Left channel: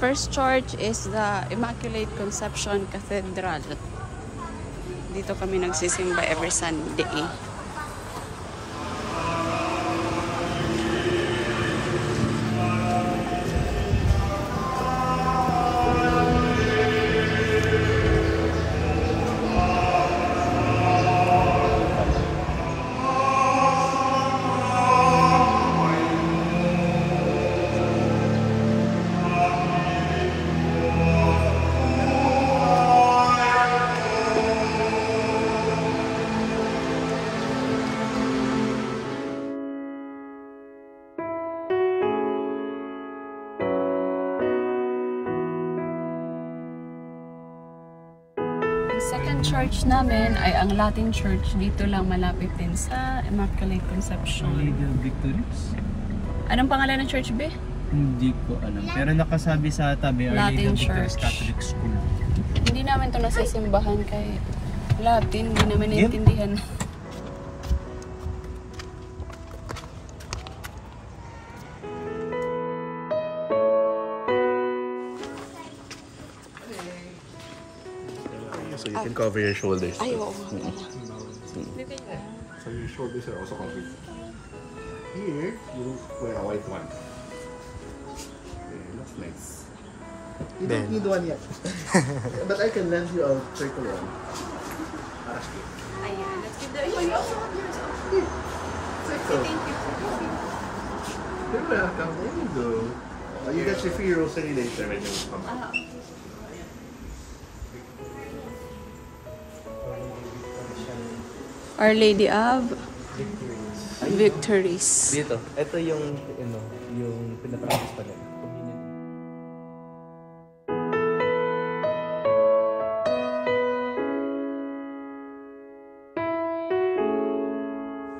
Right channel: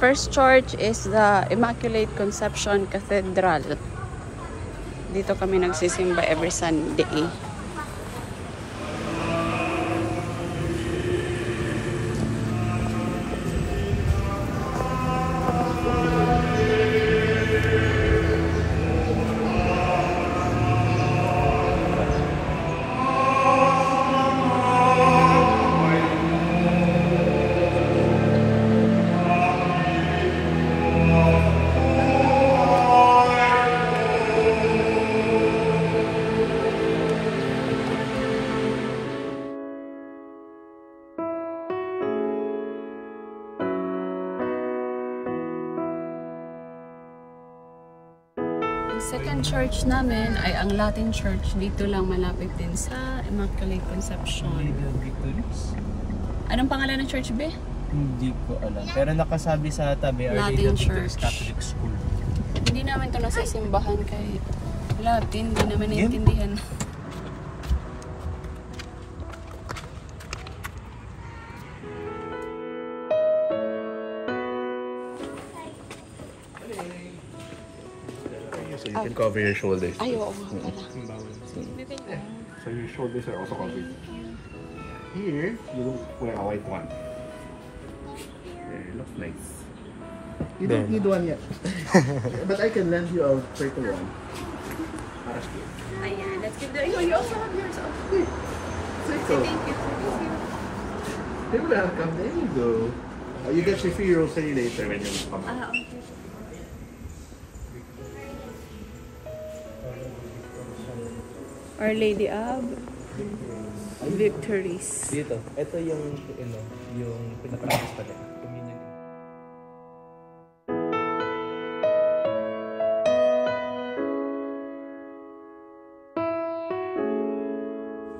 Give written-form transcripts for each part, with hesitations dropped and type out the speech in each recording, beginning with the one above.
first church is the Immaculate Conception Cathedral. Dito kami nagsisimba every Sunday. Second church namin ay ang Latin Church. Dito lang malapit din sa Immaculate Conception. Anong pangalan ng church, be? Hindi ko alam. Pero nakasabi sa tabi, Latin Church Catholic School. Hindi namin ito nasisimbahan kay Latin. Hindi namin naiintindihan. So you can cover your shoulders. Ay, oo nga pala. So your shoulders are also covered. Here, you wear a white one. There, looks nice. You don't need one yet. But I can lend you a circle one. Para good. Ayan, let's give the... You also have yours. Circle. Thank you. You're welcome. There you go. You get your free rosary later when you come. Okay. Our Lady of Victories. Dito, ito yung pinaka-practice talaga.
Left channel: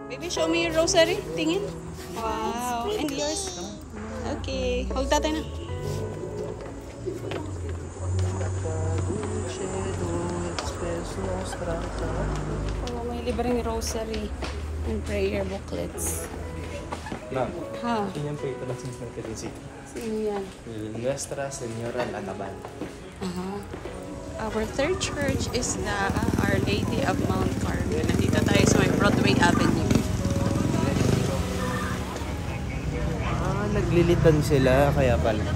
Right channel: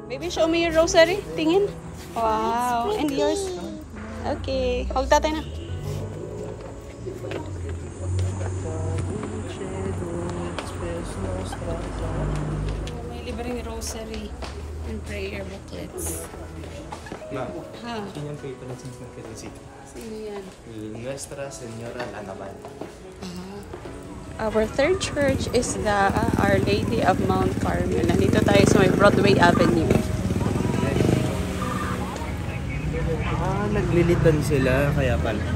Baby, show me your rosary. Tingin. Wow. And yours? Okay. Hold tatay na. Libreng rosary and prayer booklets. Ma'am, Ha? yun yung patron saint ng Quezon City. Sino yan? Nuestra Señora Lalaban. Our third church is the Our Lady of Mount Carmel. Nandito tayo sa may Broadway Avenue. Naglilitan sila, kaya pala.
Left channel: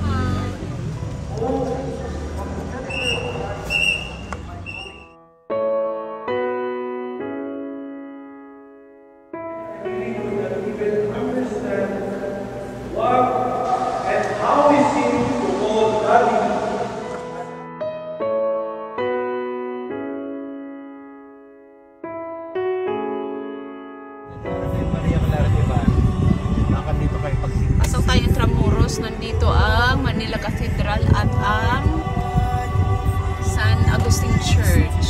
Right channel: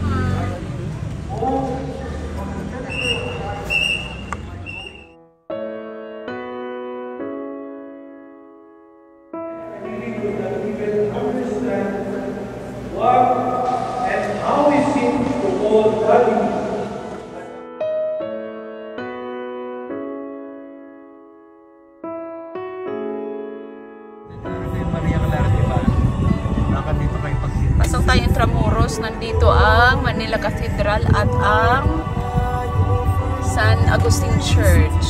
Pasok tayo Intramuros. Nandito ang Manila Cathedral at ang San Agustin Church.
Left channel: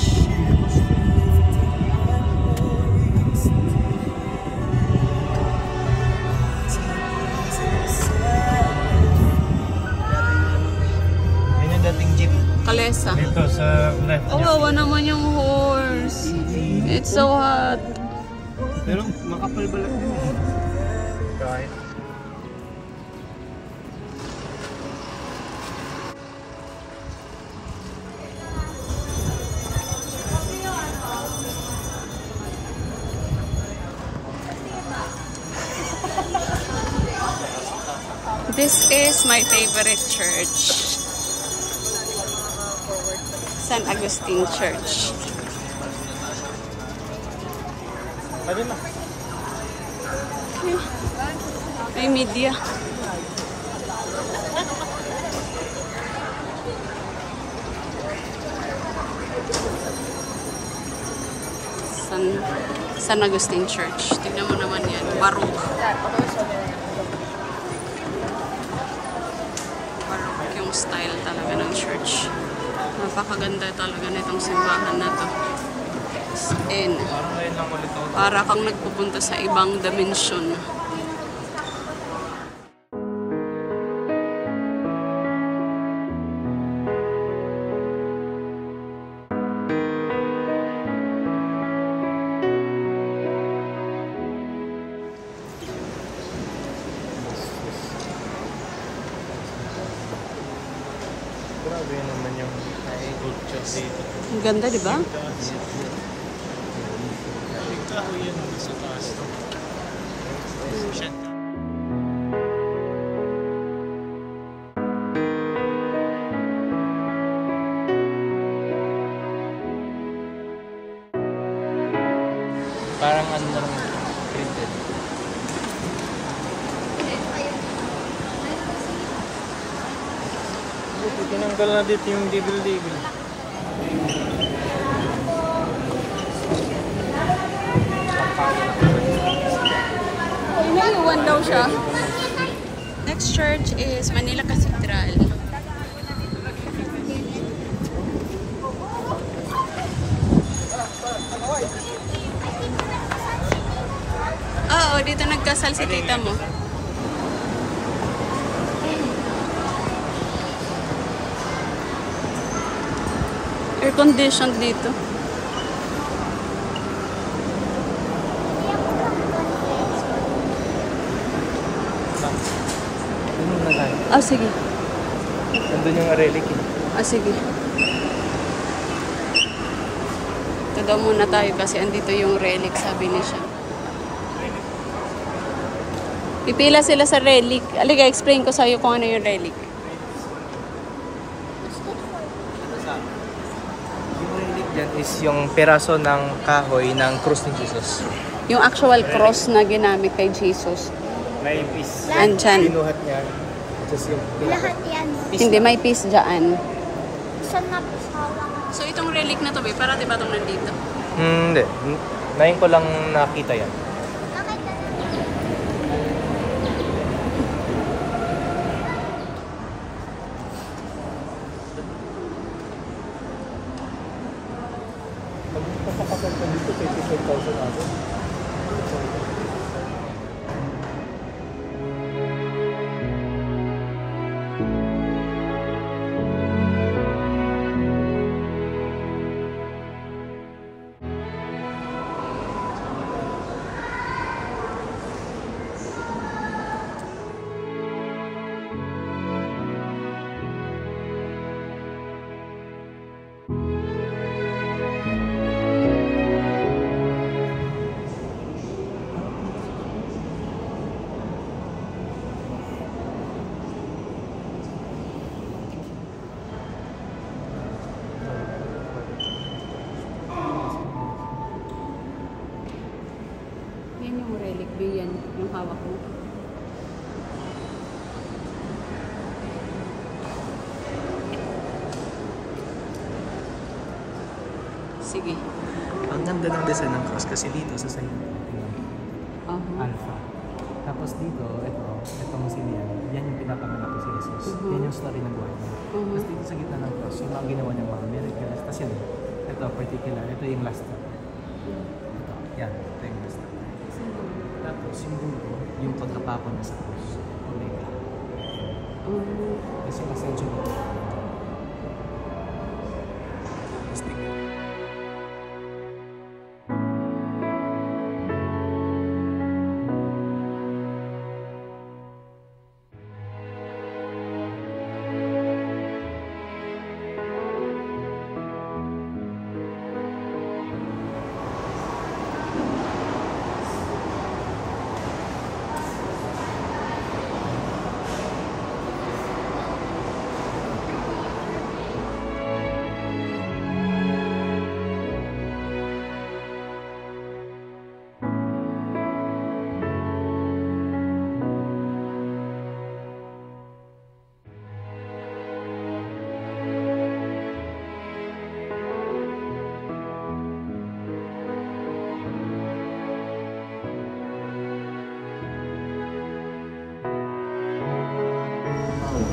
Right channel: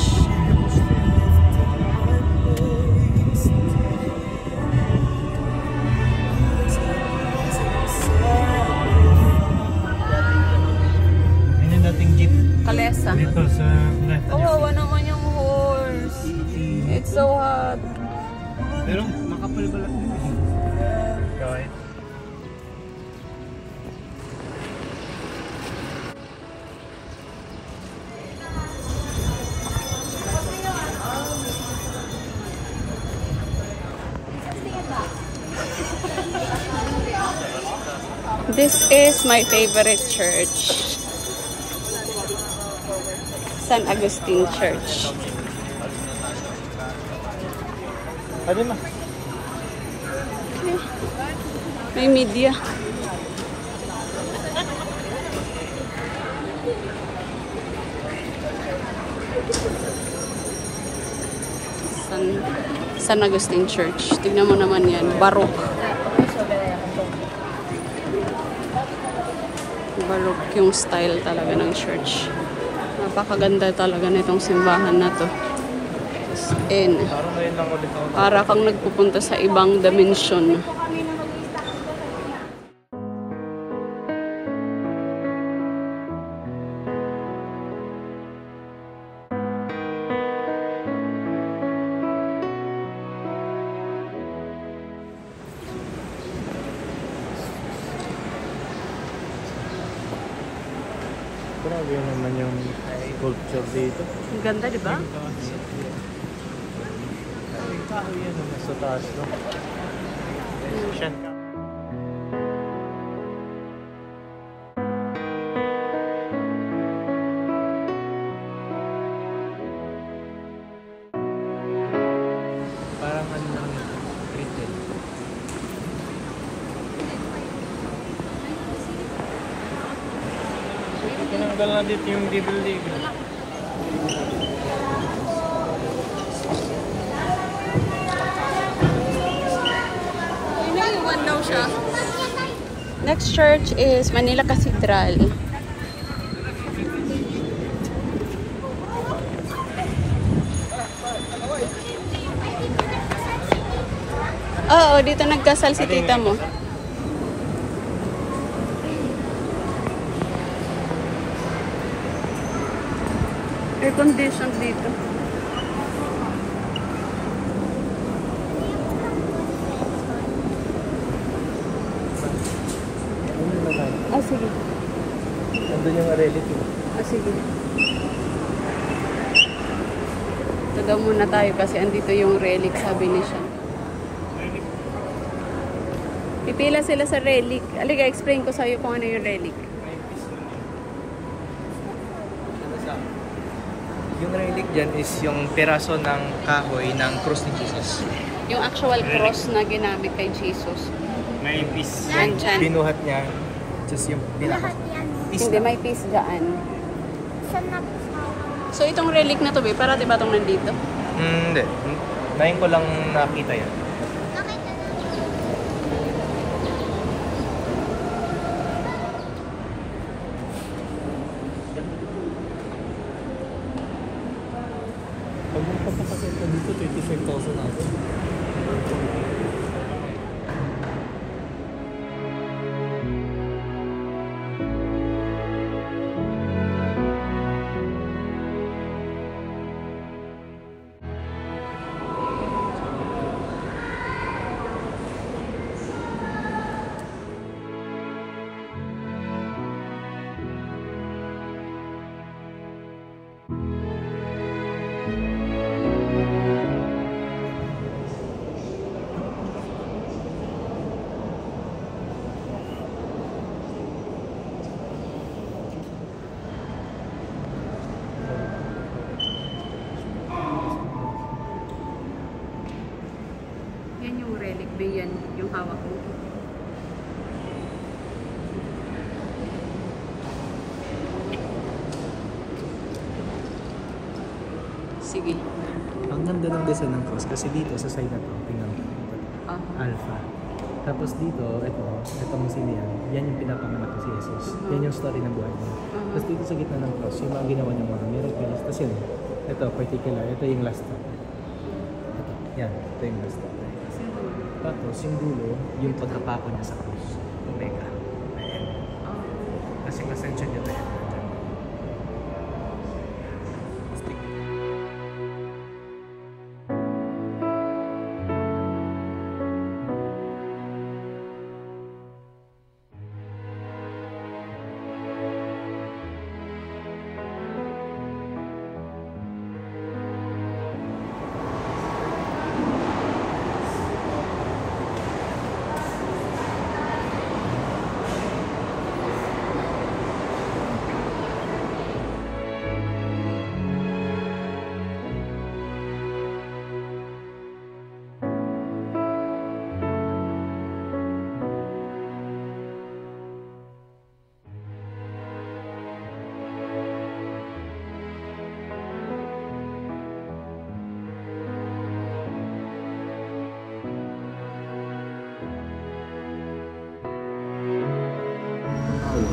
Ayun yung dating jeep. Kalesa. Dito sa left niya. Kawawa naman yung horse. It's so hot. Pero nakapalbalat din. Kahit. This is my favorite church. San Agustin Church. Ano na? May media. San Agustin Church. Tingnan mo naman yan. Baroque. Baroque yung style talaga ng church. Napakaganda talaga nitong simbahan na to. And para kang nagpupunta sa ibang dimension. Grabe naman yung culture dito. Ang ganda, di ba? Kahoy yan sa taas, no? Parang ano na lang ito. Printed. Tinanggal na dito yung dibel-dibel. Inaiwan daw siya. Next church is Manila Cathedral. Oo, dito nagkasal si tita mo. Air conditioned dito. Ah, sige. Nandun yung relic. Ah, sige. Ito daw muna tayo kasi andito yung relic, sabi ni siya. Pipila sila sa relic. Aliga, explain ko sa'yo kung ano yung relic. Yung relic dyan is yung peraso ng kahoy ng cross ni Jesus. Yung actual cross na ginamit kay Jesus. May piece. Andyan. Binuhat niya. Just yung pinaka. Hindi, may piece dyan. So, itong relic na to, para diba itong nandito? Hindi. Ngayon ko lang nakita yan. Pagpapakasal ka dito, 25,000 ako. Yan yung relic, yan yung hawak mo. Sige. Ang ganda ng design ng cross kasi dito sa side na to, tingnan mo. Alpha. Tapos dito, itong sinian, yan yung pinakamalaki si Jesus. Yan yung story ng buhay niya. Tapos dito sa gitna ng cross, yung mga ginawa niyang mga miracles. Tapos yun, ito particular, ito yung last. Ito, yan, ito yung last. Tapos yung dulo, yung pagkapako niya sa cross. Omega. Kasi ascension niya.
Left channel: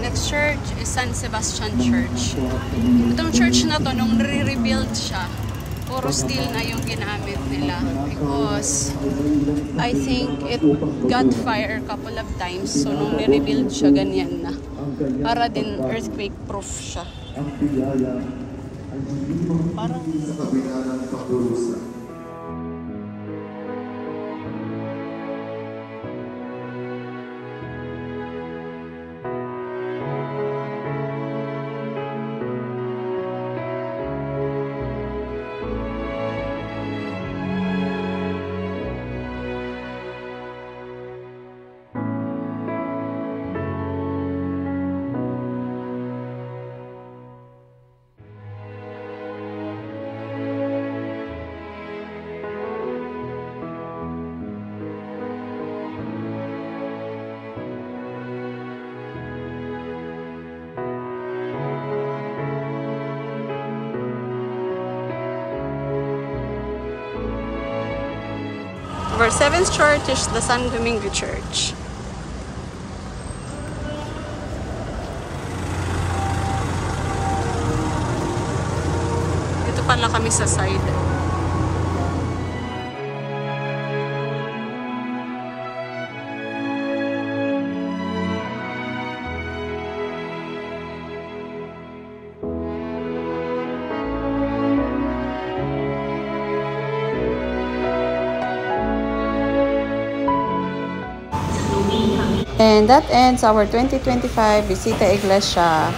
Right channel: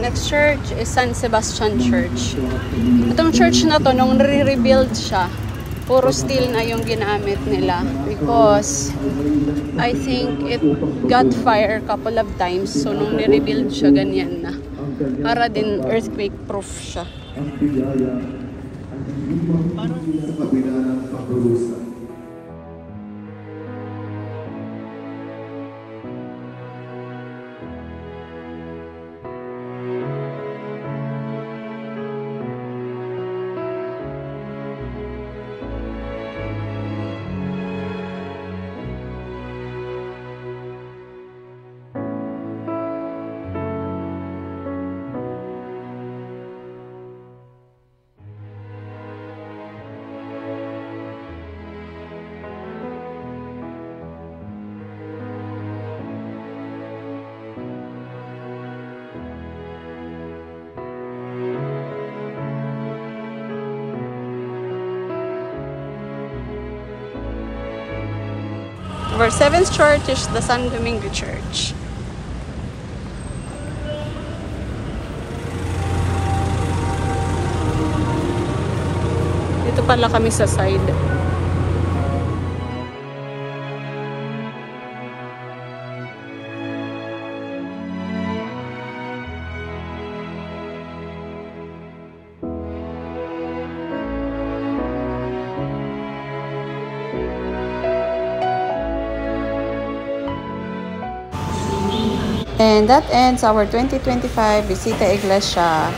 Next church is San Sebastian Church. Itong church na to, nung re-rebuild siya, puro steel na yung ginamit nila. Because I think it got fire a couple of times. So nung re-rebuild siya, ganyan na. Para din earthquake proof siya. Parang sa kabila ng pagdurusa. Our 7th church is the San Domingo Church. Dito pala kami sa side. And that ends our 2025 Visita Iglesia